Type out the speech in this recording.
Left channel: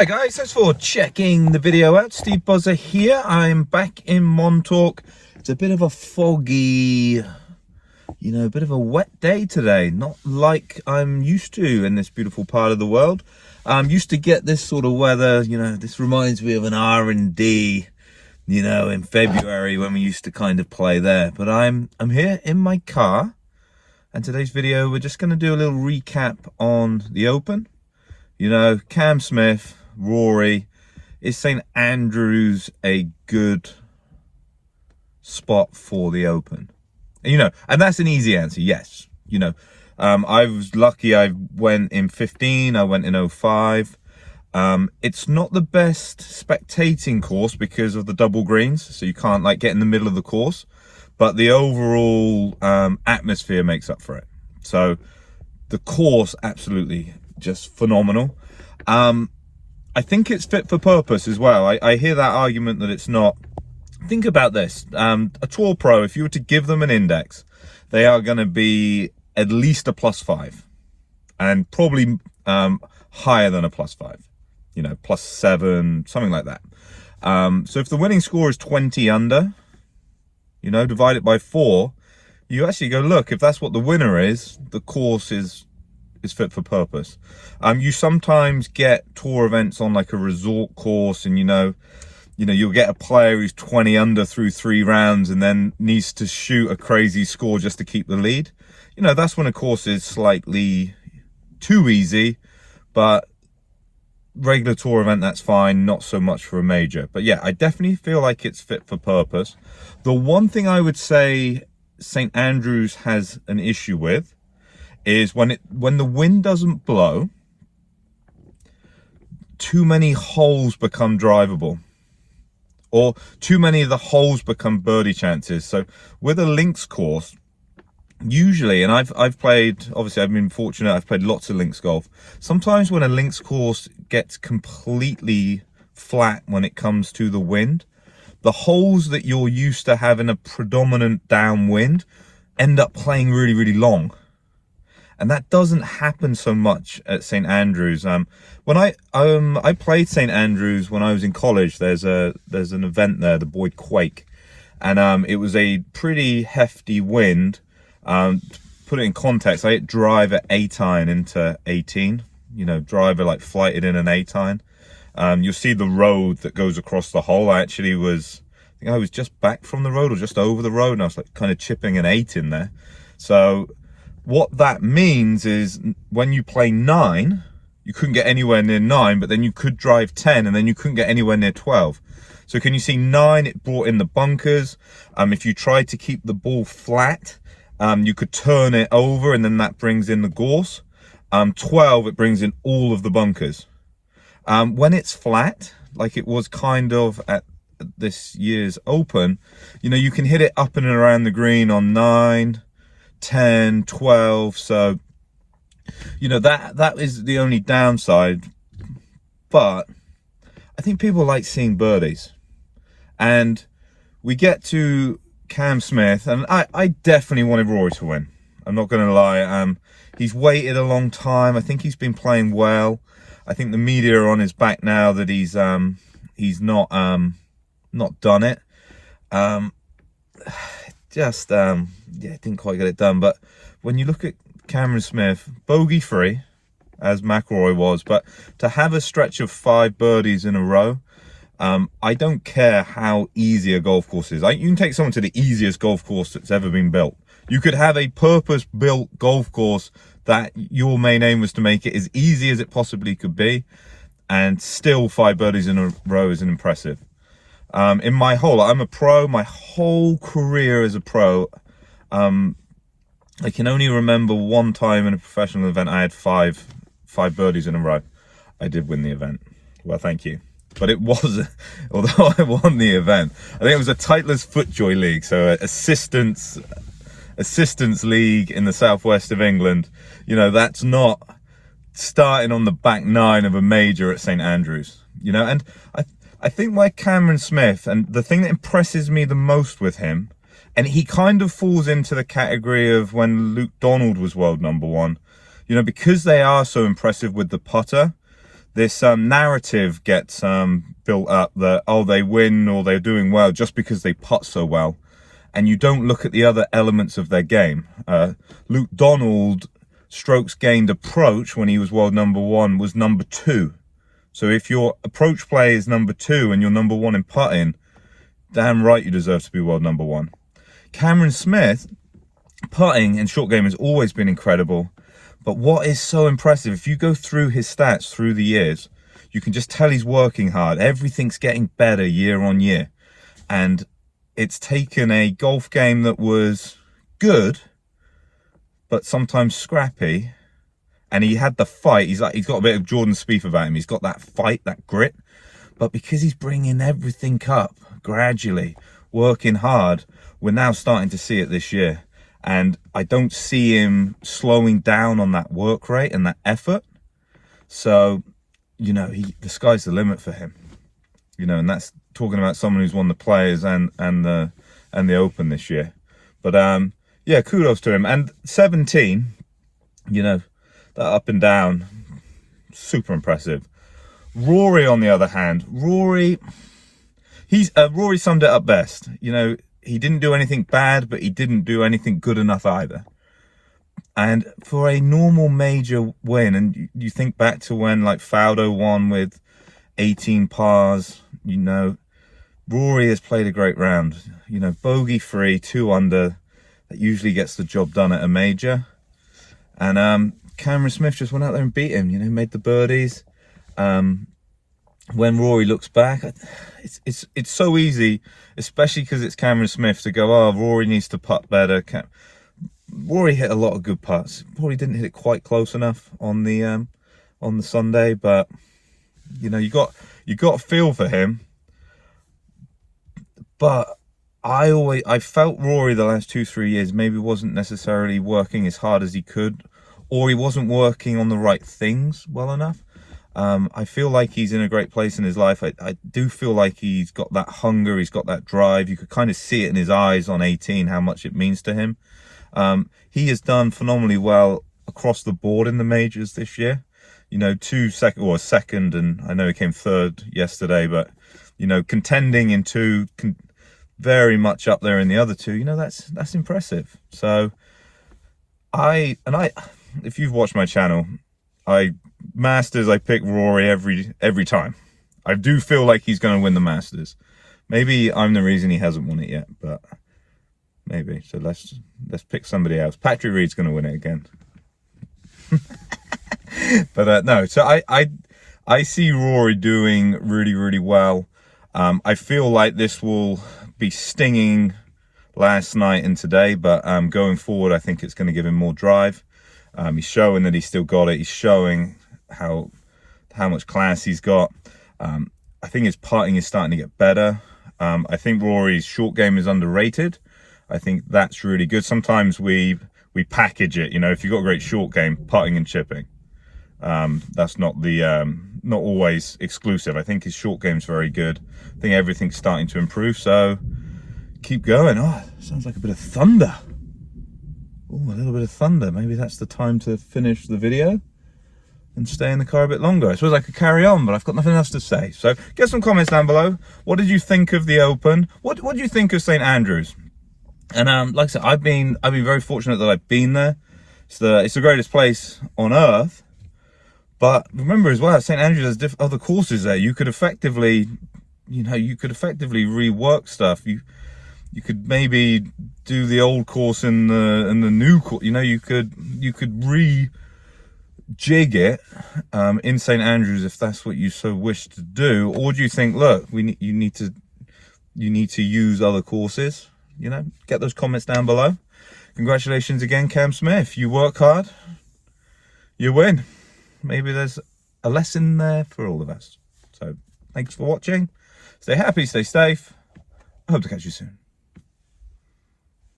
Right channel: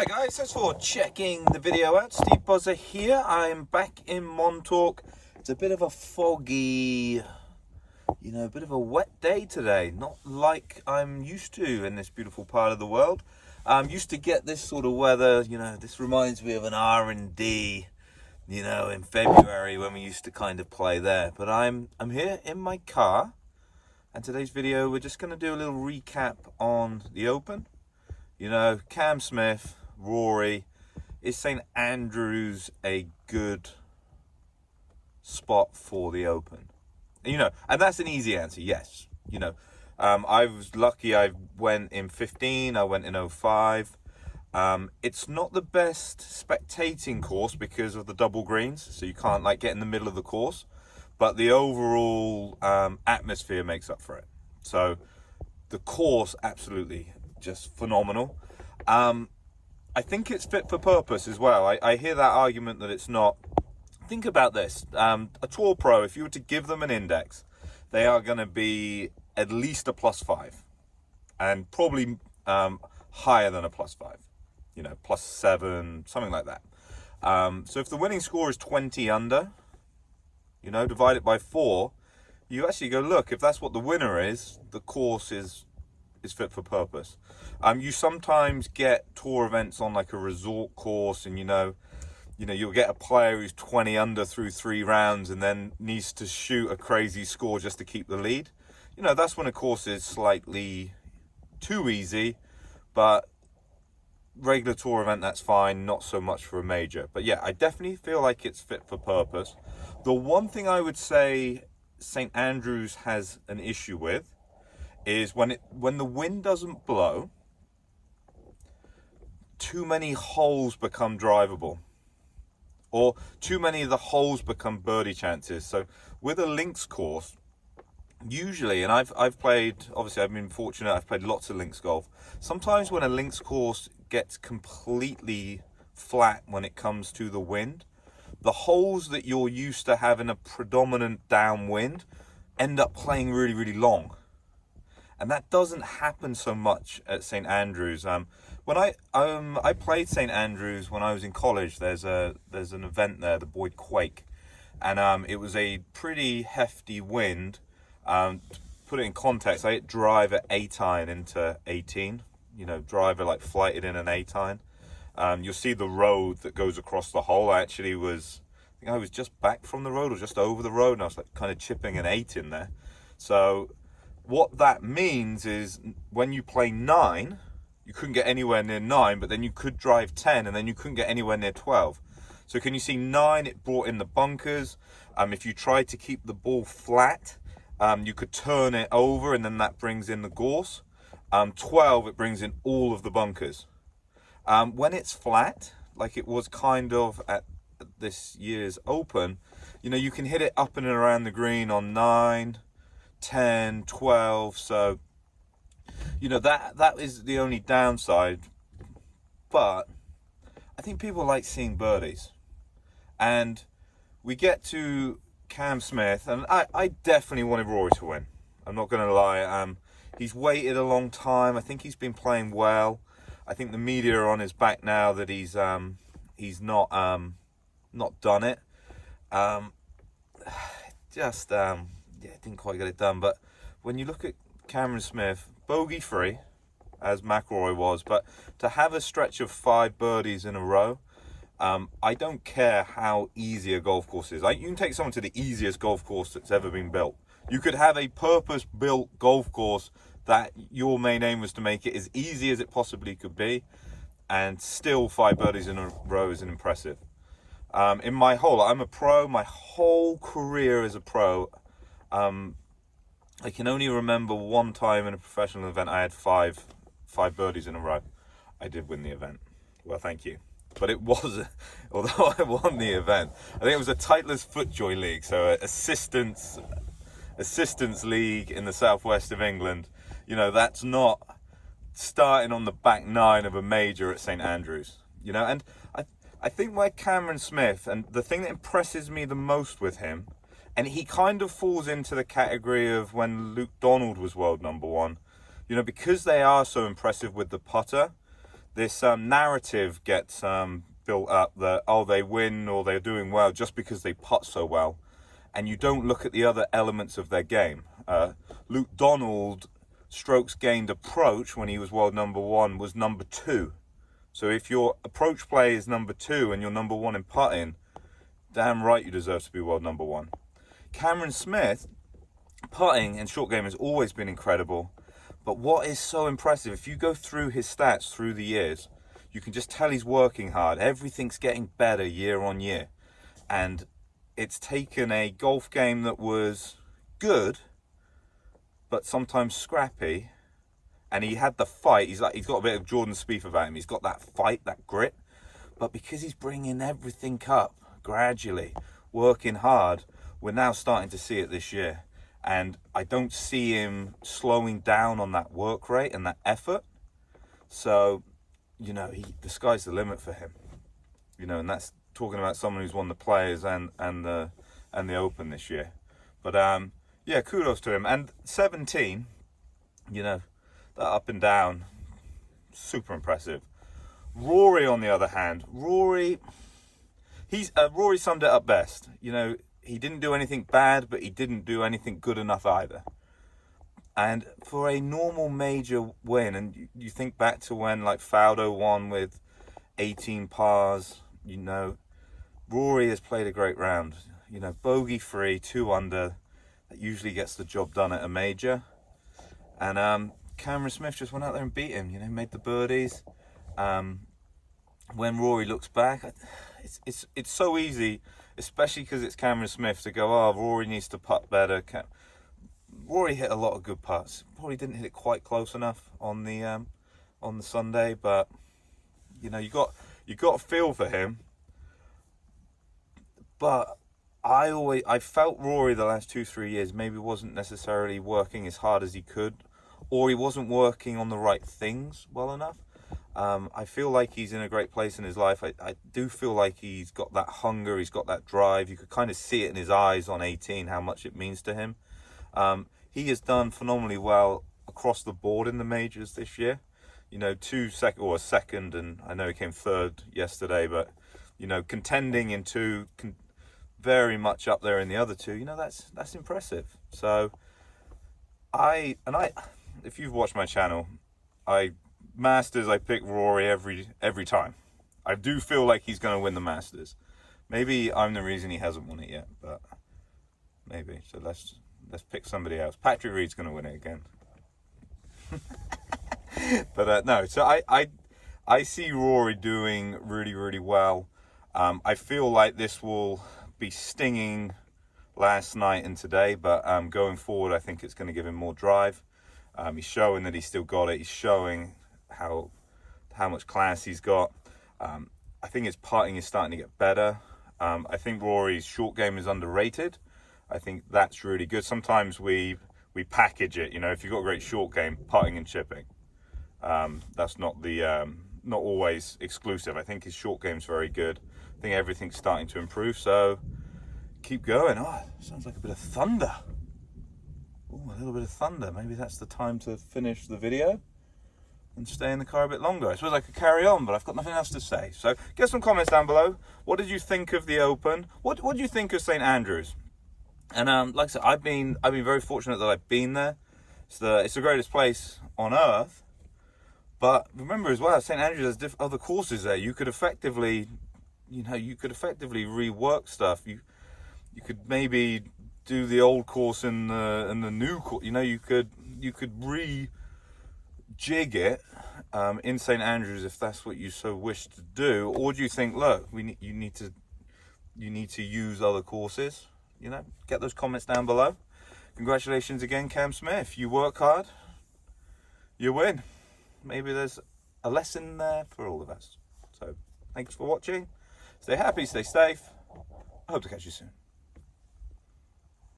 Hi guys, thanks for checking the video out. Steve Buzzer here. I'm back in Montauk. It's a bit of a foggy, a bit of a wet day today. Not like I'm used to in this beautiful part of the world. I'm used to get this sort of weather, this reminds me of an R&D, in February when we used to kind of play there. But I'm here in my car, and today's video we're just going to do a little recap on the Open. Cam Smith, Rory. Is St Andrews a good spot for the Open? And that's an easy answer, yes. I was lucky. I went in 15, I went in 05. It's not the best spectating course because of the double greens, so you can't get in the middle of the course, but the overall atmosphere makes up for it. So the course, absolutely just phenomenal. I think it's fit for purpose as well. I hear that argument that it's not. Think about this. A tour pro, if you were to give them an index, they are going to be at least a +5 and probably higher than a +5, +7, something like that. So if the winning score is 20 under, divide it by 4, you actually go, look, if that's what the winner is, the course is fit for purpose. You sometimes get tour events on like a resort course, and you'll get a player who's 20 under through 3 rounds and then needs to shoot a crazy score just to keep the lead. That's when a course is slightly too easy, but regular tour event, that's fine, not so much for a major. But yeah, I definitely feel like it's fit for purpose. The one thing I would say St Andrews has an issue with is when the wind doesn't blow, too many holes become drivable, or too many of the holes become birdie chances. So with a links course, usually, and I've played, obviously I've been fortunate, I've played lots of links golf. Sometimes when a links course gets completely flat when it comes to the wind, the holes that you're used to having a predominant downwind end up playing really, really long. And that doesn't happen so much at St Andrews. When I played St Andrews when I was in college, there's an event there, the Boyd Quake, and it was a pretty hefty wind. To put it in context, I hit drive at 8-iron into 18. Driver flighted in an 8-iron. You'll see the road that goes across the hole. I think I was just back from the road or just over the road, and I was kind of chipping an 8 in there. So what that means is when you play 9, you couldn't get anywhere near 9, but then you could drive 10, and then you couldn't get anywhere near 12. So can you see 9, it brought in the bunkers. If you tried to keep the ball flat, you could turn it over, and then that brings in the gorse. 12, it brings in all of the bunkers. When it's flat, like it was kind of at this year's Open, you can hit it up and around the green on 9, 10, 12. So that is the only downside. But I think people like seeing birdies, and we get to Cam Smith, and I definitely wanted Rory to win. I'm not gonna lie. He's waited a long time. I think he's been playing well. I think the media are on his back now that he's not done it. Didn't quite get it done. But when you look at Cameron Smith, bogey free, as McIlroy was, but to have a stretch of 5 birdies in a row, I don't care how easy a golf course is. You can take someone to the easiest golf course that's ever been built. You could have a purpose-built golf course that your main aim was to make it as easy as it possibly could be, and still 5 birdies in a row isn't impressive. I'm a pro, my whole career as a pro, I can only remember one time in a professional event I had 5 birdies in a row. I did win the event. Well, thank you. But it was, although I won the event, I think it was a Titleist Footjoy League, so assistance league in the southwest of England. That's not starting on the back 9 of a major at St Andrews. And I think where Cameron Smith, and the thing that impresses me the most with him, and he kind of falls into the category of when Luke Donald was world #1, because they are so impressive with the putter, this narrative gets built up that, oh, they win or they're doing well just because they putt so well, and you don't look at the other elements of their game. Luke Donald strokes gained approach when he was world #1 was #2. So if your approach play is #2 and you're #1 in putting, damn right you deserve to be world #1. Cameron Smith, putting and short game has always been incredible. But what is so impressive, if you go through his stats through the years, you can just tell he's working hard. Everything's getting better year on year. And it's taken a golf game that was good, but sometimes scrappy. And he had the fight. He's got a bit of Jordan Spieth about him. He's got that fight, that grit. But because he's bringing everything up gradually, working hard, we're now starting to see it this year. And I don't see him slowing down on that work rate and that effort. So, you know, the sky's the limit for him. You know, and that's talking about someone who's won the Players and the Open this year. But yeah, kudos to him. And 17, you know, that up and down, super impressive. Rory, on the other hand, Rory summed it up best. You know, he didn't do anything bad, but he didn't do anything good enough either. And for a normal major win, and you think back to when like Faudo won with 18 pars, you know, Rory has played a great round. You know, bogey free, 2 under, that usually gets the job done at a major. And Cameron Smith just went out there and beat him, you know, made the birdies. When Rory looks back, it's so easy, especially because it's Cameron Smith, to go, oh, Rory needs to putt better. Rory hit a lot of good putts. Probably didn't hit it quite close enough on the Sunday, but you know, you got a feel for him. But I felt Rory the last 2-3 years maybe wasn't necessarily working as hard as he could, or he wasn't working on the right things well enough. I feel like he's in a great place in his life. I do feel like he's got that hunger, he's got that drive. You could kind of see it in his eyes on 18, how much it means to him. He has done phenomenally well across the board in the majors this year. You know, second, and I know he came third yesterday, but, you know, contending in 2, very much up there in the other 2, you know, that's impressive. So if you've watched my channel, Masters, I pick Rory every time. I do feel like he's going to win the Masters. Maybe I'm the reason he hasn't won it yet, but maybe. So let's pick somebody else. Patrick Reed's going to win it again. But no, so I see Rory doing really, really well. I feel like this will be stinging last night and today, but going forward, I think it's going to give him more drive. He's showing that he's still got it. He's showing how much class he's got. I think his putting is starting to get better. I think Rory's short game is underrated. I think that's really good. Sometimes we package it, you know, if you've got a great short game, putting and chipping. That's not always exclusive. I think his short game's very good. I think everything's starting to improve, so keep going. Oh, sounds like a bit of thunder. Oh, a little bit of thunder. Maybe that's the time to finish the video and stay in the car a bit longer. I suppose I could carry on, but I've got nothing else to say. So get some comments down below. What did you think of the Open? What do you think of St Andrews? And like I said, I've been very fortunate that I've been there. It's the greatest place on earth. But remember as well, St Andrews has other courses there. You could effectively, you know, rework stuff. You could maybe do the old course in the new course. You know, you could rejig it in St Andrews if that's what you so wish to do. Or do you think, look, you need to use other courses? You know, get those comments down below. Congratulations again, Cam Smith. You work hard, you win. Maybe there's a lesson there for all of us. So thanks for watching. Stay happy, stay safe. I hope to catch you soon.